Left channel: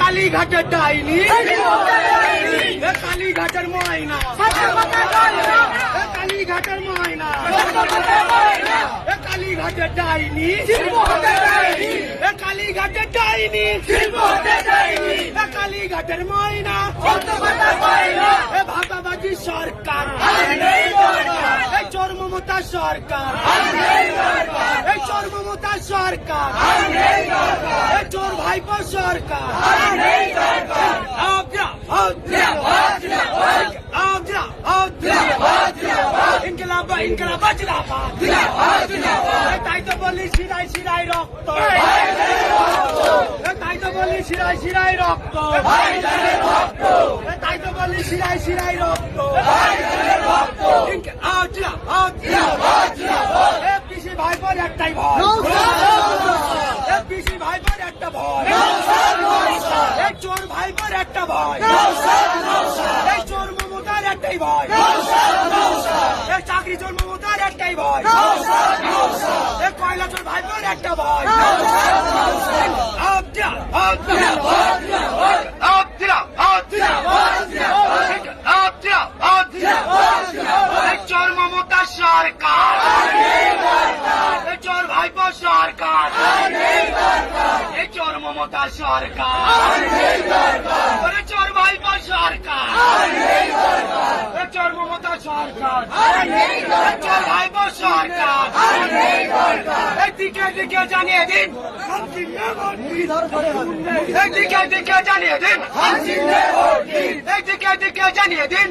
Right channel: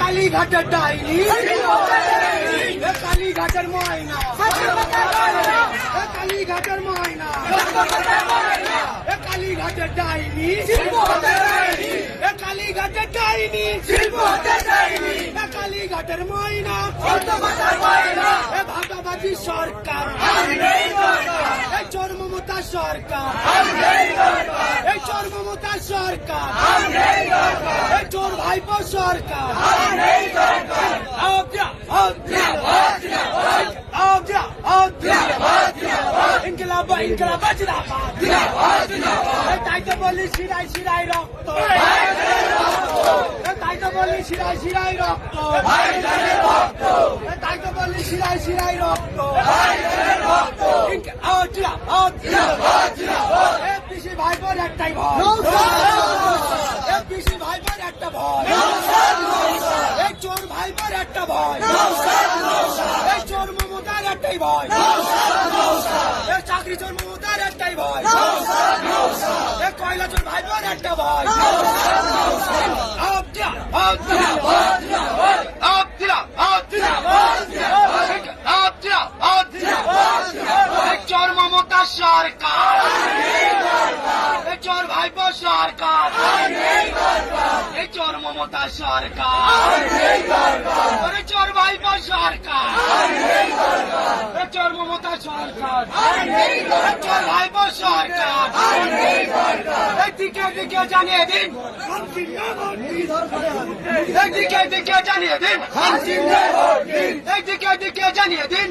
কালীঘাটের ডাইনি, কালীঘাটের ময়না, কালীঘাটের ময়না, কালীঘাটের ডাইনি, কালীঘাটের ডাইনি, কালীঘাটের ময়না, ভাগাবাজি সরকার, চোর মমতা সরকার, চোর মমতা সরকার, চোর ভাইপো সরকার, ইনকলাব ইনকলাব জিন্দাবাদ, তাই তো বলি শিরায় শিরায় রক্ত, তাই তো বলি শিরায় শিরায় রক্ত, তাই তো বলি শিরায় শিরায় রক্ত, পিসি ভাইপোর একটাই ভয়, পিসি ভাইপোর একটা ভয়, এই চোর ভাইপোর একটা ভয়, এই চোর মমতার একটাই ভয়, এই চাকরি চোর মমতার একটাই ভয়, এই কয়লা চোর ভাইপোর একটা ভয়, চোর মমতা সরকার, চোর ভাইপো সরকার, এই চোর মমতা সরকার, চোর ভাইপো সরকার, চোর মমতা সরকার, চোর ভাইপো সরকার, এই দিকে দিকে জানিয়ে দিন, এই দিকে দিকে জানিয়ে দিন, এই দিকে দিকে জানিয়ে দিন,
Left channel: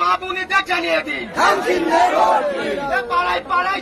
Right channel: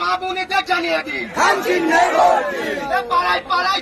মা বোনেদের জানিয়ে দিন, পাড়ায় পাড়ায়